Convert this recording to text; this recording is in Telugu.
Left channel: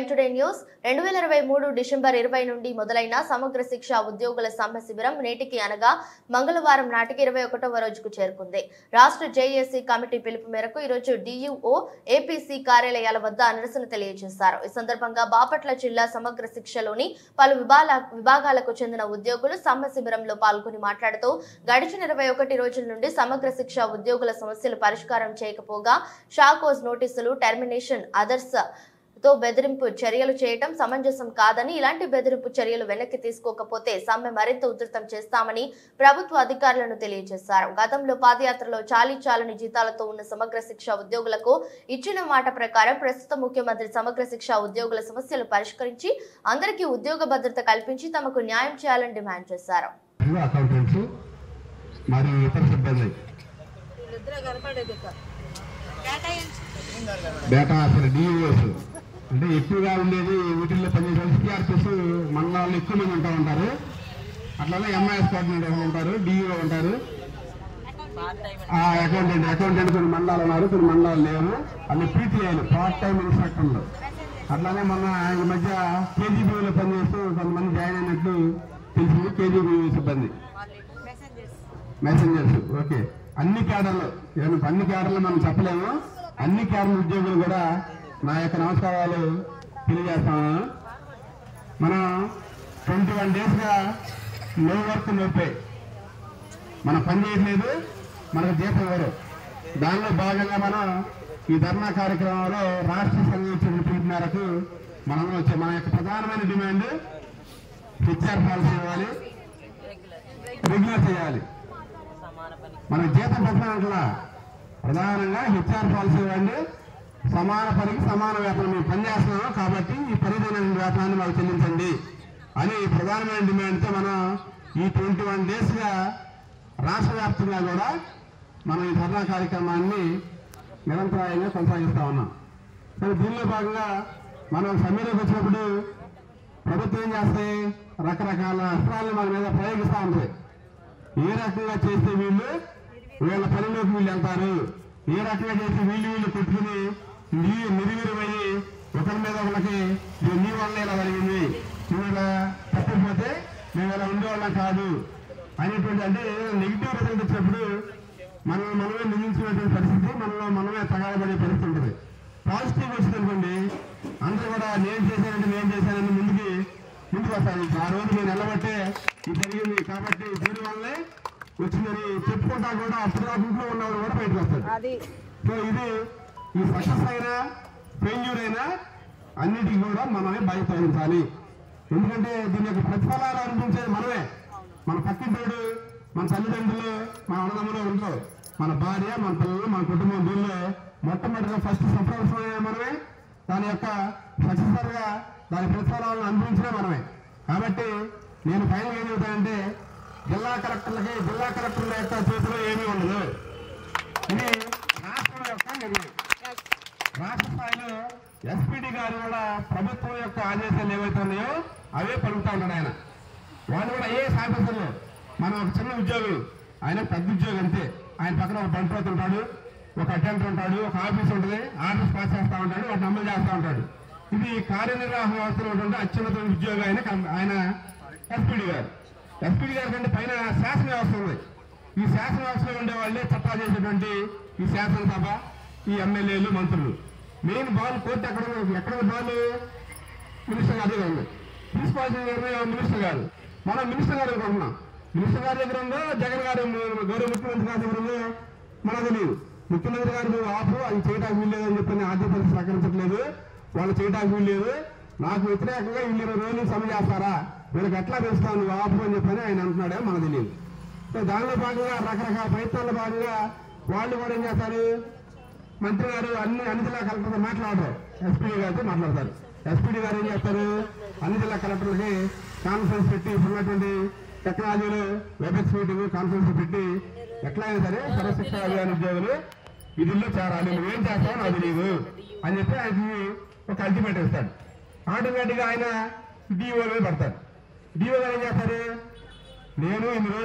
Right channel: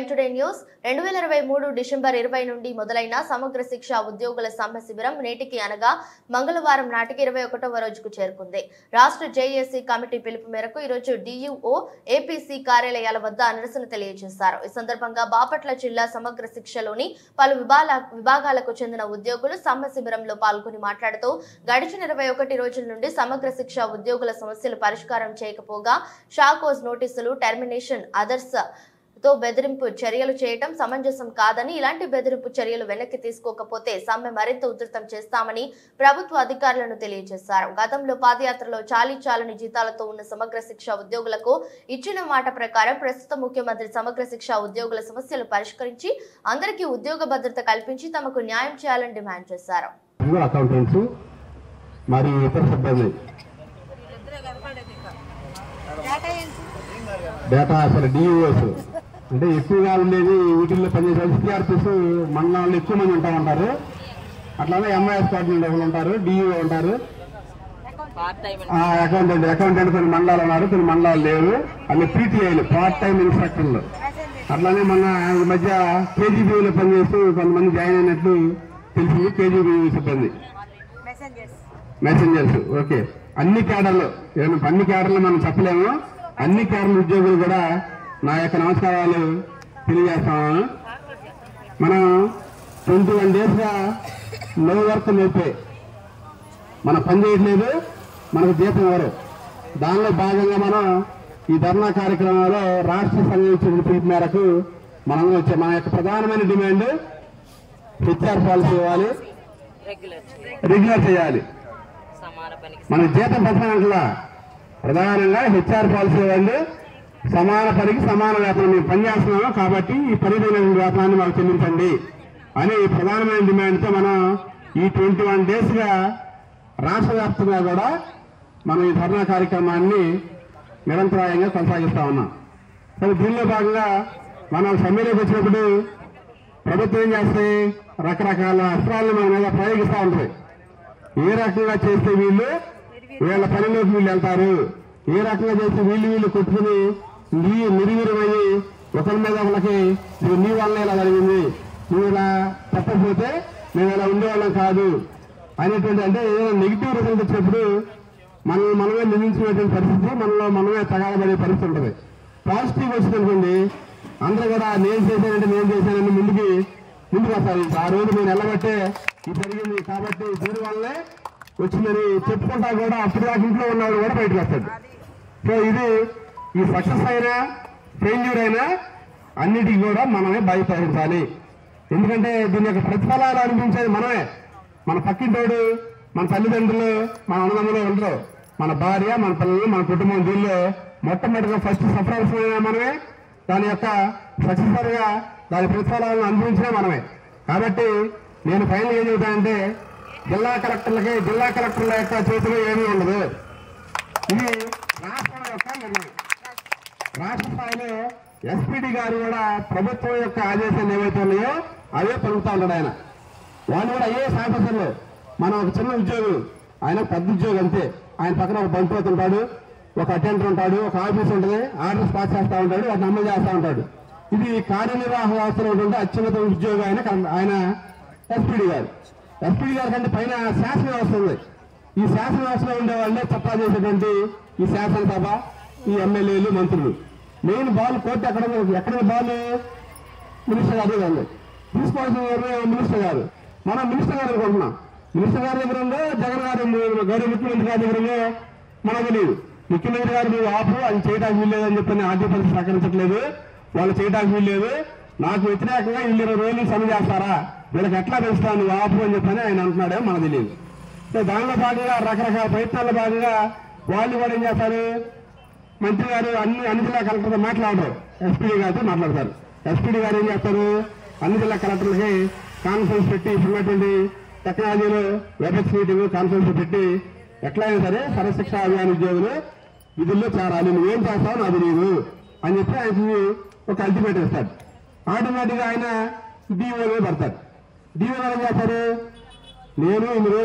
ప్రైమ్ టుడే న్యూస్ 2023 డిసెంబర్ 20 నుండి మొదలైన సమగ్ర శిక్ష ఉద్యోగుల సమ్మె శిబిరం నేటికి అనగా మంగళవారం నాటికి 21వ రోజుకు చేరుకుంది. రాష్ట్ర జేఏసీ కమిటీ పిలుపు మేరకు ఈ రోజు డియుఓ ఏపీసీ కార్యాలయాల వద్ద నిరసన తెలియజేశారు. ఈ సందర్భంగా బాపట్ల జిల్లా సమగ్ర శిక్షలోని పలు విభాగాలకు చెందిన ఉద్యోగులు సమ్మె శిబిరంలో పాల్గొని మాట్లాడుతూ గడిచిన 21 రోజుల నుండి సమగ్ర శిక్ష ఉద్యోగుల సమస్యలు పరిష్కారం చేయకపోగా షాకోజ్ నోటీసులు, టెర్మినేషన్, అదర్స్ తో బెదిరింపు చర్యలు చేయడం సమంజసం కాదని, ఇలాంటి బెదిరింపు చర్యలు వెనక్కి తీసుకోకపోతే సమ్మె మరింత ఉధృతం చేస్తామని ప్రభుత్వ అధికారులను తెలియజేశారు. గతంలో పాదయాత్రలో చాలీచాలని జీతాలతో ఉన్న సమగ్ర శిక్ష ఉద్యోగులకు ఇచ్చిన మాట ప్రకారం ప్రస్తుత ముఖ్యమంత్రి సమగ్ర శిక్ష ఉద్యోగుల సమస్యలు పరిష్కరించి అందరికీ ఉద్యోగ భద్రత కల్పించి తమకు న్యాయం చేయాలని డిమాండ్ చేశారు. అంటే ఎక్కువగా ఉండేది వీటిల్లో పనిచేసే సిఆర్పిస్ మండలాల్లో ఎక్కువ మంది ఉంటారు. అట్లానే ఎంఐఎస్ కోఆర్డినేటర్ ఉంటారు, డిఈఓ ఉంటారు, అకౌంటెంట్ కొన్ని మండలాలు ఉన్నారు, కొన్ని మండలాలు లేవు. అన్ని పీటీఐలు, పార్ట్ టైం ఇన్స్ట్రక్టర్లు. అట్లానే మొన్న ఈ మధ్య కేజీబీలో పనిచేస్తూ కొంతమంది జాయిన్ అయినట్లు తెలిసింది. కేజీబీ సిబ్బంది, మెసెంజర్స్. ఓకే, అన్ని క్యాడర్లు, అన్ని క్యాడర్లు మనం చెప్పలేము. అన్ని క్యాడర్ల ఉద్యోగులు కూడా నా యొక్క నమస్కారాలు తెలియజేస్తాము. మనం 21 డేస్గా నో వర్క్ నో పే, మనం పని చేయట్లేదు, మనకు జీతం ఇవ్వరు. దానిలో భాగంగా మనం ఈ ధర్నా కార్యక్రమంలో రాష్ట్ర సంఘం ఇచ్చిన పిలుపు మేరకు మనం వచ్చే మన యొక్క ప్రధానమైన డిమాండ్ హెచ్ఆర్ పాలసీ ఇవ్వాలి, రెగ్యులర్ చేయాలి. మన జీతం పెంచడానికి ప్రధానంగా హెచ్ఆర్ పాలసీ ఇవ్వండి, సమాన పనికి సమాన వేతనం. మేము పనిచేస్తున్నాము కాబట్టి ఈ పరిమితమైన వేతనాన్ని మాకు చెల్లించండి అని ప్రధానమైన డిమాండ్తో మనం ఈ 21 డేస్గా రాష్ట్ర వ్యాప్తంగా కూడా మనం ఈ ధర్నా కార్యక్రమాన్ని నిరంతరాయంగా కొనసాగిస్తా ఉన్నాం. కానీ దీనిలో భాగంగా మనం సమ్మెలోకి వచ్చినప్పుడు ప్రభుత్వం ఏం చేస్తాయి, రకరకాల అస్త్రాలను మన మీద ప్రయోగిస్తూ ఉంటాయి. ఏ రకంగా చేస్తే వీళ్ళ పనిలోకి వీళ్ళు వెళ్తారు, ఏ రకంగా చేస్తే వీళ్ళు కొట్టుకుని నిర్వీర్యమయ్యి ఒకరి మీద ఒకరికి నీ వల్ల ఇలా జరిగింది, నువ్వు ఇలా చెప్పకపోతే మేము ఇలా ఉండేవాళ్ళం కాదు అనేటువంటి, అంటే ఏదైనా నెగిటివ్ రిజల్ట్ వచ్చినప్పుడు మనమే నిందించుకునేటువంటి పరిస్థితి, మనమే తగాదపడే పరిస్థితి ఉంటుంది. పాజిటివ్ వచ్చిందనుకోండి, అందరూ కూడా నేను చేశానని ముందుకు వస్తారు. ఆ రోజు నేను వెళ్ళబట్టే ఇది జరిగింది కాబట్టి దీని వల్లే వచ్చిందని చెప్పుకుంటా కూడా అప్పుడు దాకా ఇంట్లో ఉన్నవాడు కూడా బయటకు వస్తాడు. సో ఇది ఈ సక్సెస్ అయినా ఫెయిల్యూర్ అయినా అన్నిటికీ కూడా మనమే భయపడించాలి. ఎందుకంటే దీని యొక్క ప్రతిఫలాలు అనిపించేది మనమే. మన పక్కింటోడు, మన తల్లిదండ్రులు, మన అన్నదమ్ములు ఉండరు, మన భార్య, మన పిల్లలు, మన కుటుంబం. దీనిలో మొట్టమొదటిగా ఫస్ట్ సఫర్ మనమే, దాని యొక్క సక్సెస్ఫుల్గా దాని ప్రతిఫలాలను అనుభవించినా మనమే. కాబట్టి నేను ఫైనల్ ఏం చెబుతానంటే, జిల్లా కలెక్టర్ల యొక్క చేతిలో ఏమీ ఉండదు. ఇది రాష్ట్రం యొక్క నిర్ణయం. రాష్ట్ర స్థాయిలో ఎస్పీడీ గారు కూడా ప్రభుత్వం యొక్క ఆదేశాలు ఏవైతే ఉన్నాయో అవే పలుకుతా ఉంటాడు ఆయన. వాళ్ళు కూడా అయ్యే ఆఫీసర్లు. మనం ఒక చిన్న ఉద్యోగం, ఆయన పెద్ద ఉద్యోగం అంతే. ఆయన పక్కన ఒక బంట్రోత్ ఉంటాడు, ఒక అటెండర్ ఉంటాడు, ఒక ఆఫీస్ ఉంటుంది, ఆర్డర్స్ పాస్ చేస్తూ ఉంటాడు, వాటిని అమలు చేస్తూ ఉంటాడు. ఇది కార్యనిర్వాహక వ్యవస్థలో ఉంటుంటే అత్యున్నత ఉద్యోగం ఆయన ఎస్పీడీ గారు. ఎస్పీడీ గారి కంటే పైన శాసన వ్యవస్థ ఉంది. ఈ శాసన వ్యవస్థలో ఉండే వాళ్ళే చట్టాలు చేసేటువంటి ఈ శాసనసభ, ఈ ఎమ్మెల్యేలు, మంత్రులు. మెయిన్ బాల్ కోర్టు ఎక్కడ బాల్ మినిస్టర్ గారి దగ్గర ఉంది. తీసుకోవాల్సిన నిర్ణయం మినిస్టర్ గారు. మనం మినిస్టర్ గారు అనుకుంటున్నాం, మినిస్టర్ గారి దగ్గర ఉందో, జగన్ గారు గౌరవ ముఖ్యమంత్రి గారి దగ్గర ఉందో మనకు తెలియదు. ముఖ్యమంత్రి గారు నువ్వు ఆపు, అది చేయడానికి వీల్లేదని చెప్పని ఆర్థిక పరిస్థితి సహకరించట్లేదు, వాళ్ళు చేయడానికి వీల్లేదు, నాకు వ్యతిరేకంగా వీళ్ళు 20 రోజులు సమ్మె చేస్తారా, వీళ్ళకి ఎట్లా పెంచుతాను నువ్వు ఆపు అని చెప్పని ఆయన అంటున్నాడే మనకు తెలియదు. సో దానిలో భాగంగా రకరకాల ప్రయత్నాల్లో భాగంగా వాళ్ళు కూడా ఏం చేస్తారు, మంత్రి గారు అన్ని జిల్లా కలెక్టర్తో మాట్లాడరు, ఎస్పీడీ గారితో మాట్లాడతారు. ఎస్పీడీ గారు ఏం చేస్తారు, అన్ని జిల్లా కలెక్టర్లకి కాన్ఫరెన్స్ పెట్టి, ఉన్నటువంటి టెక్నాలజీలో వెబ్ఎక్స్ మీటింగ్ కాన్ఫరెన్స్ పెట్టి ఎట్లయినా సరే సర్వశిక్ష అభియాన్ ఉద్యోగులు విధుల్లో చేరాలి, నువ్వేం చేస్తావో నాకు తెలియదు అని చెప్పి ఆయనకి ఒక అల్టిమేట్ ఇస్తాడు. ఆటోమేటిక్గా ఆయన డిఓ పడతాడు. డిఓ గారు ఏం చేస్తారు, నేను ఇన్ని రోజులు